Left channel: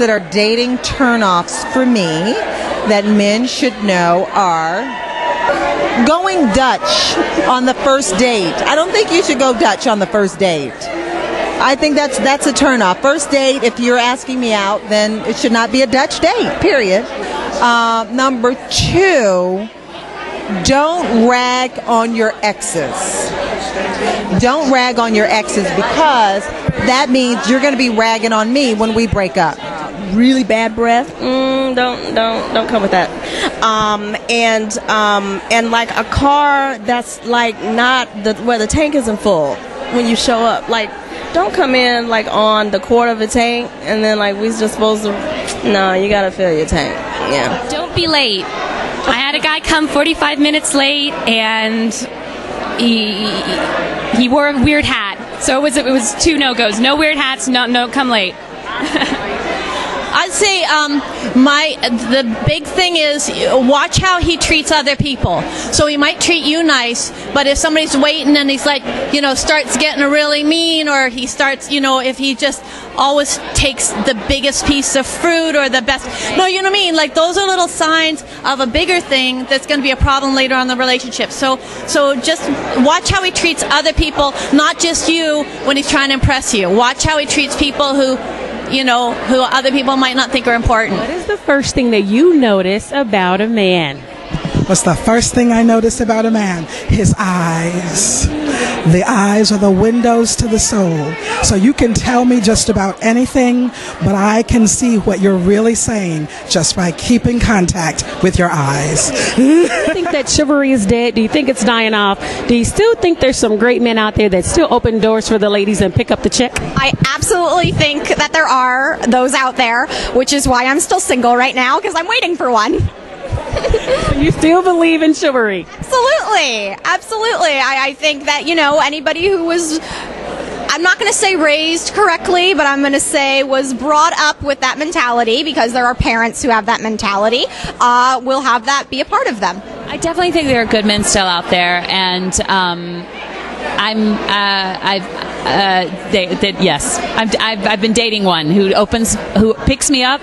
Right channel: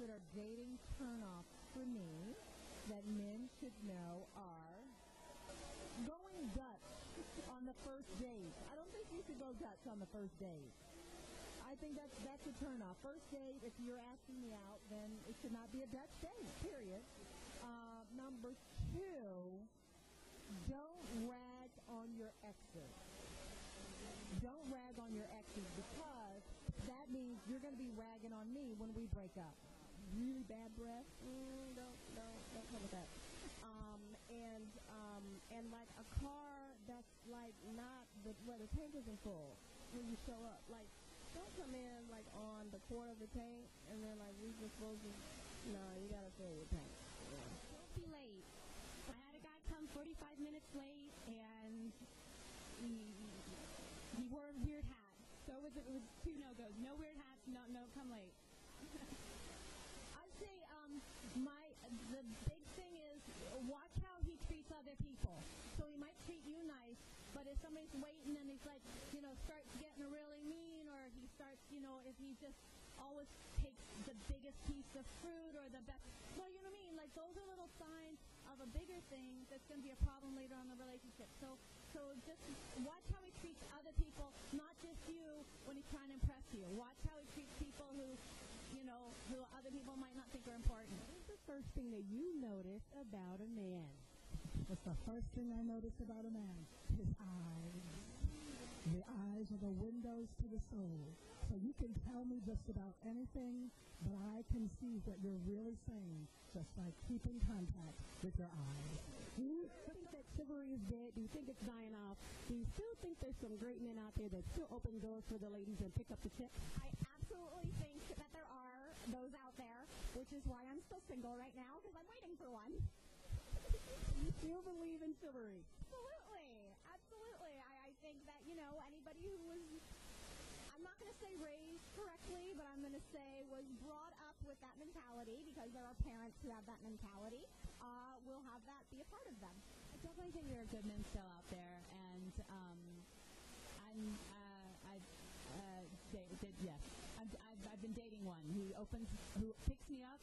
that are dating turnoffs for me that men should know are going Dutch on the first date. I don't think you should go Dutch on the first date. I think that's a turnoff. First date, if you're asking me out, then it should not be a Dutch date, period. Number 2, don't rag on your exes. Don't rag on your exes, because that means you're going to be ragging on me when we break up. Really bad breath? Don't come with that. And like a car that's like not where the tank isn't full when you show up. Like, don't come in like on the quarter of a tank and then like we're just supposed to. No, you gotta fill your tank. Yeah. Don't be late. I had a guy come 45 minutes late, and he wore a weird hat. So it was 2 no-goes. No weird hats. No, come late. I'd say the big thing is watch how he treats other people. So he might treat you nice, but if somebody's waiting and he's like, starts getting really mean, or he starts, if he just always takes the biggest piece of fruit or the best, no, you know what I mean? Like, those are little signs of a bigger thing that's going to be a problem later on in the relationship. So just watch how he treats other people, not just you, when he's trying to impress you. Watch how he treats people who other people might not think are important. What is the first thing that you notice about a man? What's the first thing I notice about a man? His eyes. The eyes are the windows to the soul. So you can tell me just about anything, but I can see what you're really saying just by keeping contact with your eyes. Do you think that chivalry is dead? Do you think it's dying off? Do you still think there's some great men out there that still open doors for the ladies and pick up the check? I absolutely think that there are those out there, which is why I'm still single right now, because I'm waiting for one. You still believe in chivalry? Absolutely. I think that, anybody who was, I'm not going to say raised correctly, but I'm going to say was brought up with that mentality, because there are parents who have that mentality, will have that be a part of them. I definitely think there are good men still out there, and I've been dating one who picks me up,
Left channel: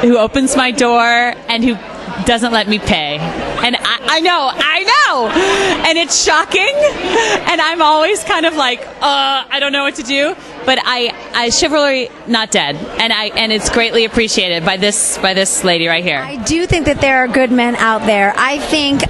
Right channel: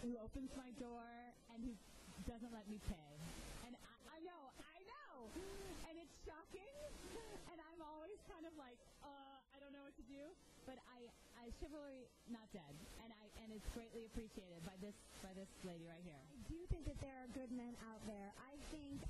who opens my door, and who doesn't let me pay. And I know, and it's shocking, and I'm always kind of like, I don't know what to do. But I chivalry not dead, and it's greatly appreciated by this lady right here. I do think that there are good men out there. I think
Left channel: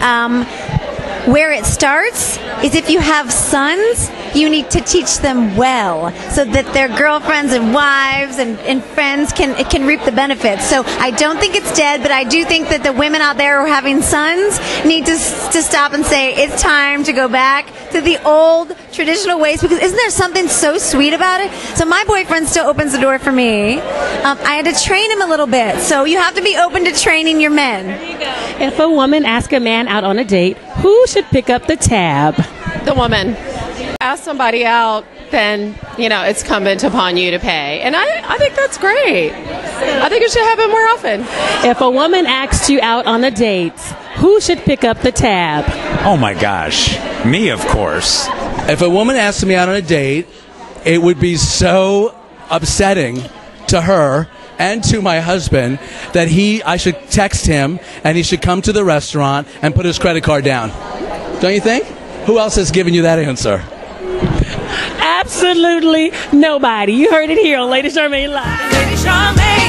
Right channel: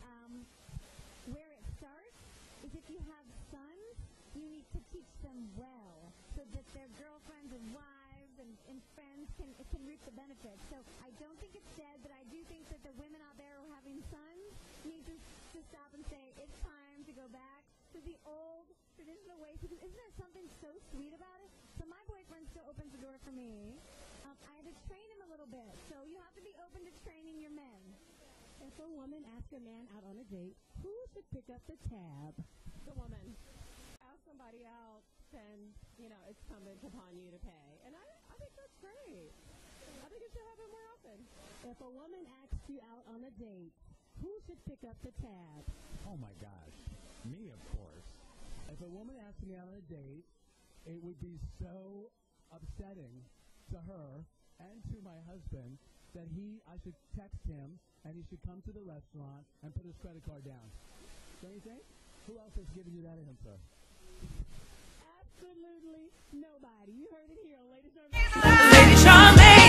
where it starts is if you have sons, you need to teach them well so that their girlfriends and wives and friends can reap the benefits. So I don't think it's dead, but I do think that the women out there who are having sons need to stop and say it's time to go back to the old traditional ways, because isn't there something so sweet about it? So my boyfriend still opens the door for me. I had to train him a little bit, so you have to be open to training your men. There you go. If a woman asks a man out on a date, who should pick up the tab? The woman. Ask somebody out, then, it's incumbent upon you to pay. And I think that's great. I think it should happen more often. If a woman asks you out on a date, who should pick up the tab? Oh, my gosh. Me, of course. If a woman asks me out on a date, it would be so upsetting to her and to my husband that I should text him and he should come to the restaurant and put his credit card down. Don't you think? Who else has given you that answer? Absolutely nobody. You heard it here on Lady Charmaine Live. Lady Charmaine.